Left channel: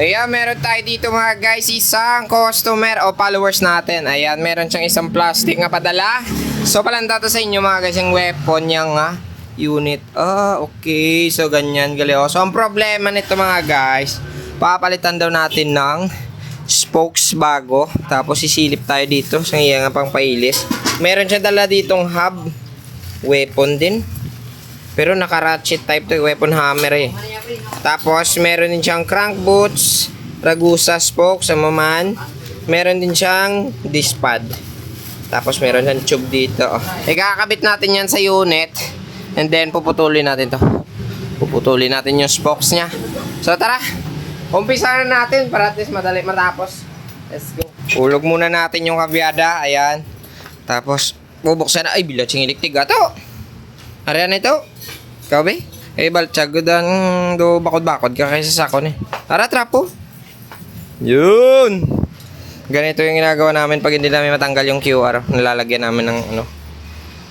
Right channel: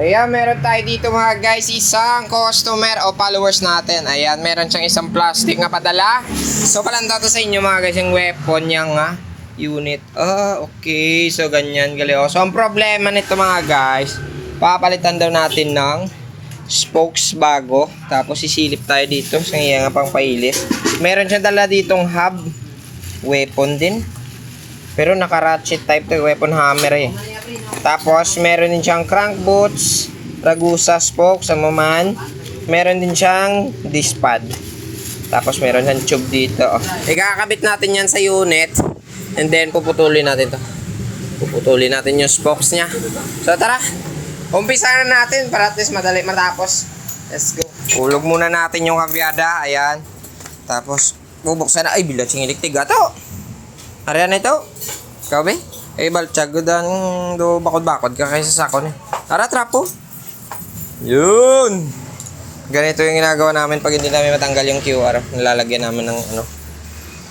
Ayan, meron tayo dito mga guys, isang customer o followers natin. Ayan, meron siyang isang plastic na padala. So, palanda to sa inyo mga guys, yung weapon niyang unit. Okay. So, ganyan, gali. So, ang problema nito mga guys, papalitan daw natin ng spokes bago. Tapos, sisilip tayo dito sa iyang pang pailis. Meron siyang dala ditong hub weapon din. Pero naka-ratchet type to, weapon hammer eh. Tapos, meron din siyang crank boots, ragusa spokes, amaman. Meron din siyang disc pad. Tapos, meron siyang tube dito. Ikakabit natin yan sa unit. And then, puputulin natin to. Puputulin natin yung spokes niya. So, tara. Umpisa na natin para at least madali matapos. Let's go. Ulog muna natin yung kabyada. Ayan. Tapos, bubuksan na. Ay, bilat siyang electric. Gato. Ariyan ito. Ikaw ba? Baltsag dan do bakod-bakod ka kaysa sakon eh. Tara, trapo. Yun. Ganito yung ginagawa namin pag hindi namin matanggal yung QR. Nilalagyan namin ng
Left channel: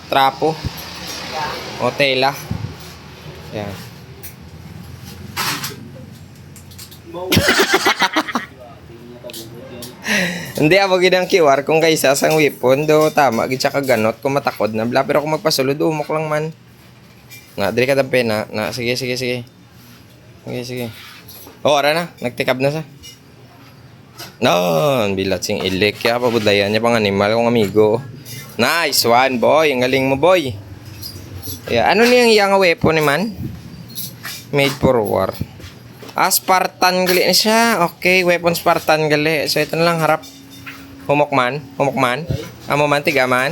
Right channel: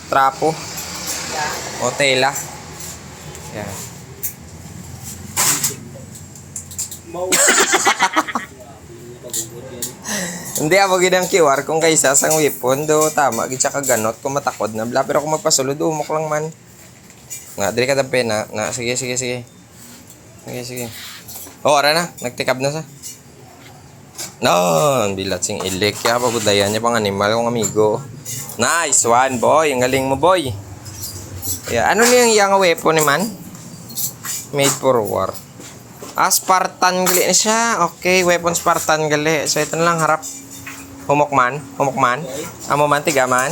trapo. O tela. Yan. Hindi ako ginang QR kung kaysa sang weapon do tama gid siya kaganot kung matakod na bla pero kung magpasulod umok lang man. Nga dili ka ta pena na sige. Ara na nagtikab na siya. No, bilat sing ilik ya pabudayan niya pang animal kong amigo. Nice one boy, ang galing mo boy. Ano niyang iyang weapon ni man? Made for war. Spartan gali na siya. Okay, weapon Spartan gali. So ito na lang harap. Humokman. Amo man tigaman.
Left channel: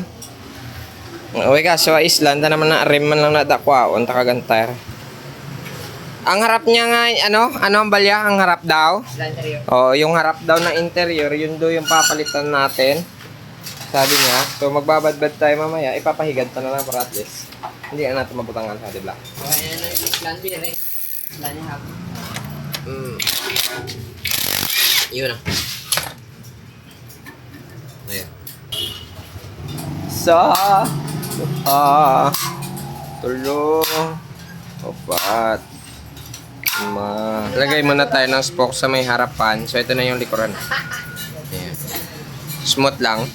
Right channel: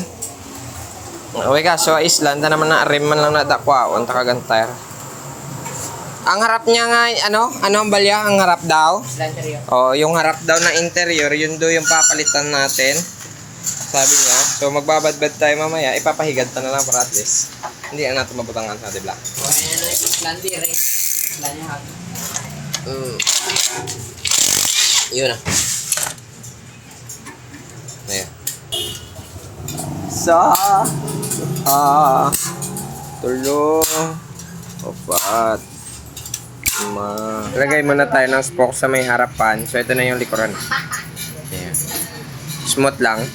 Okay ka, so island na naman na rim man lang na dakwaon takagantar. Ang harap niya nga ano ang balya ang harap daw? Oh, yung harap daw na interior, yun do yung papalitan natin. Sabi niya. So magbabadbad tayo mamaya, ipapahigad ta na lang para at least hindi na natin mabutangan sa dibla. Yun na. Ayan. Tulong. Opat. Lagay muna tayo ng spokes sa may harapan. So ito na yung likuran. Ayan. Smooth lang.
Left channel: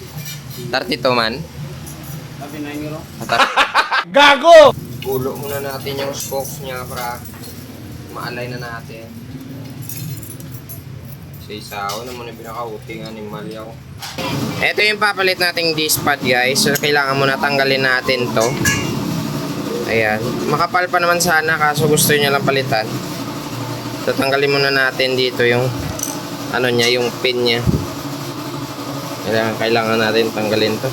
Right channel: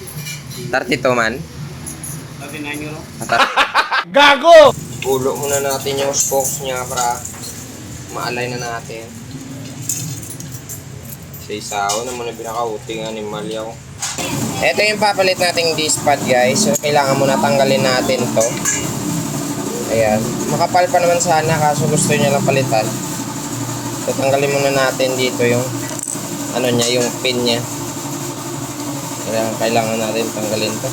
32 man. 39 euro. Gago! Ulo muna natin yung spokes niya para maalay na natin. Sa isaw na muna pinaka-uting animal yaw. Ito yung papalit nating disc pad guys. So kailangan muna tanggalin natin to. Ayan. Makapal pa naman sana kaso gusto niya lang palitan. So tanggalin muna natin dito yung niya, yung pin niya. Kailangan natin tanggalin to.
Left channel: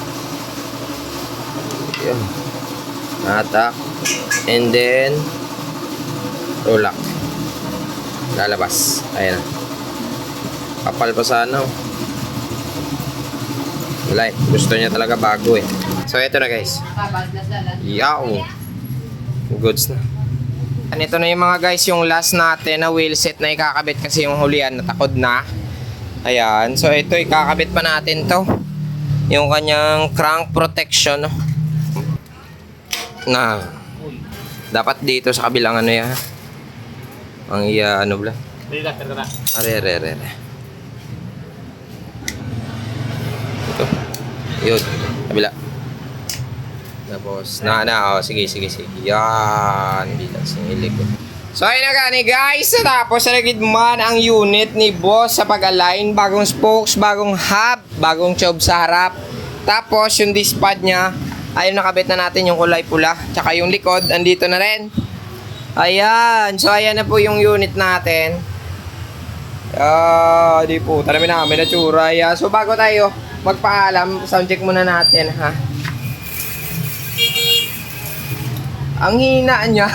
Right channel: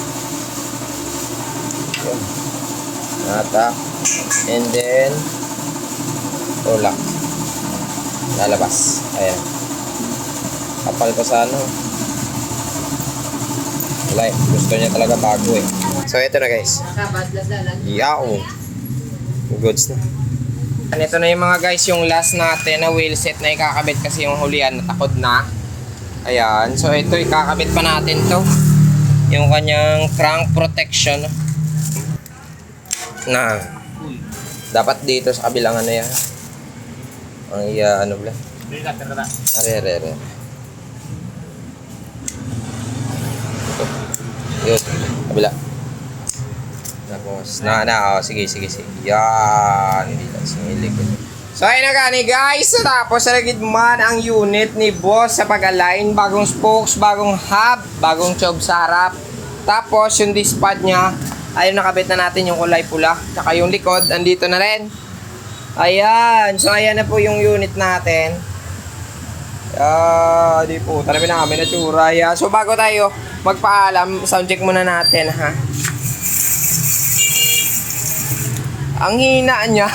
Yun. Atak. And then tulak. Lalabas. Ayan. Kapal pa sana. Wala, gusto niya talaga bago eh. So ito na guys. Yaw. Goods na. And ito na yung mga guys, yung last natin na wheel set na ikakabit kasi yung hulian natakod na. Ayan. So ito ikakabit pa natin to. Yung kanyang crank protection. Na dapat dito sa kabilang yan. Ang bla. Are. Ito. Yun. Kabila. Tapos, sige. Yan. Bilang singilig. So, ayun na gani guys. Tapos, nalagid man ang unit ni boss sa pag-align. Bagong spokes, bagong hub, bagong tube sa harap. Tapos, yung disc pad niya, ayun nakabit na natin yung kulay pula. Tsaka yung likod, andito na rin. Ayan. So, ayan na po yung unit natin. Di po. Talabi na kami na tsura. Ayan. So, bago tayo magpaalam, sound check muna natin, ha? Ang hina niya.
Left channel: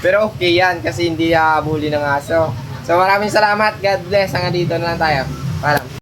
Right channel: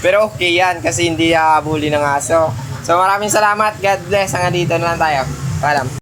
Pero okay yan kasi hindi habuli ng aso. So maraming salamat. God bless. Hanggang dito na lang tayo. Paalam.